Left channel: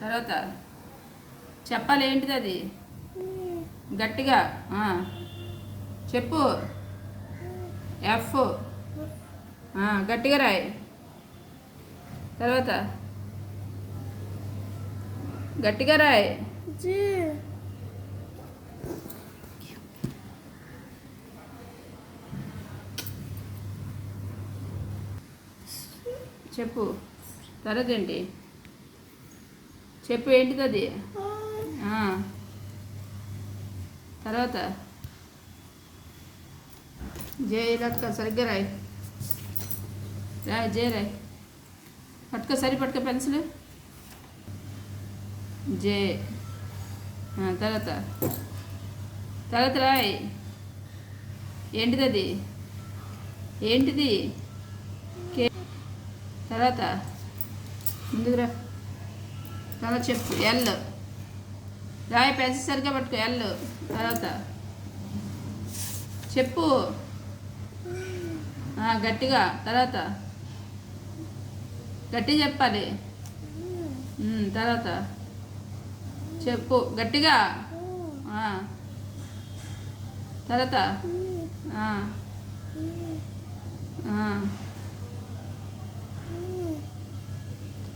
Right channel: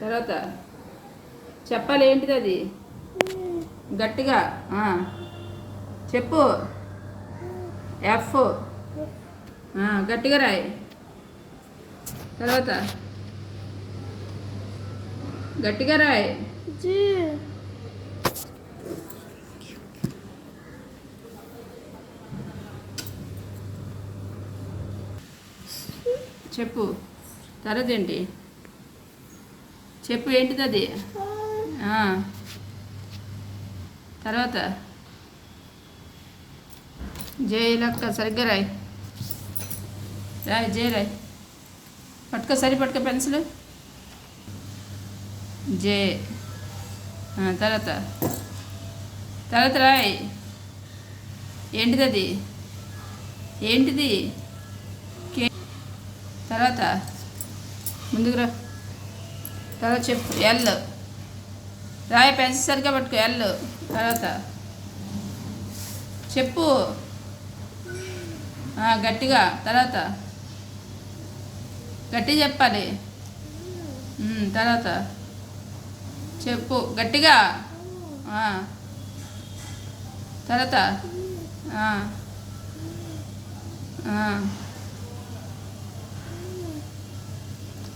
తర్వాత చెప్పాలి ఏంటిది అది గట్టిగా చెప్పు. ఎఫ్. గట్టిగా రాయి. తర్వాత గట్టిగా రాయి. చెప్పు. తర్వాత ఏంటి చెప్పు ఏంటిది అది తర్వాత జే లెక్క సరిగ్గా రాయి. రాయి జే రాయి. పట్టుకో పెన్సిల్. జే. తర్వాత తర్వాత రాయి. ఏంటిది అది ఏంటిది కే. తర్వాత ముందుకు రా. తర్వాత చెప్పు. ఎల్ రాయి. పెన్సిల్ సరిగ్గా పట్టుకో. ఎల్. తర్వాత చెప్పు గట్టిగా. తర్వాత గట్టిగా చెప్పాలి. తర్వాత చెప్పు గట్టిగా. తర్వాత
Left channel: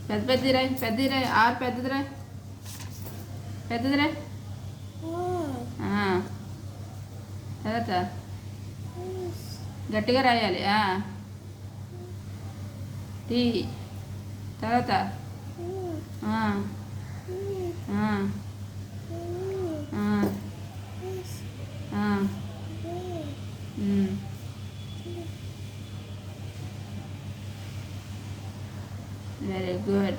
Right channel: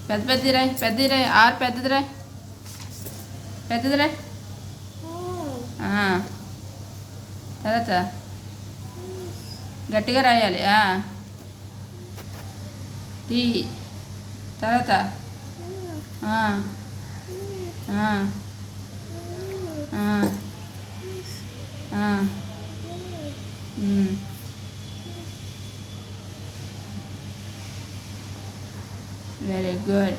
పెద్దది రాయి. ఆరు పెద్దది రాయి. తర్వాత గట్టిగా రాయాలి. టీ. తర్వాత వెరీ గుడ్.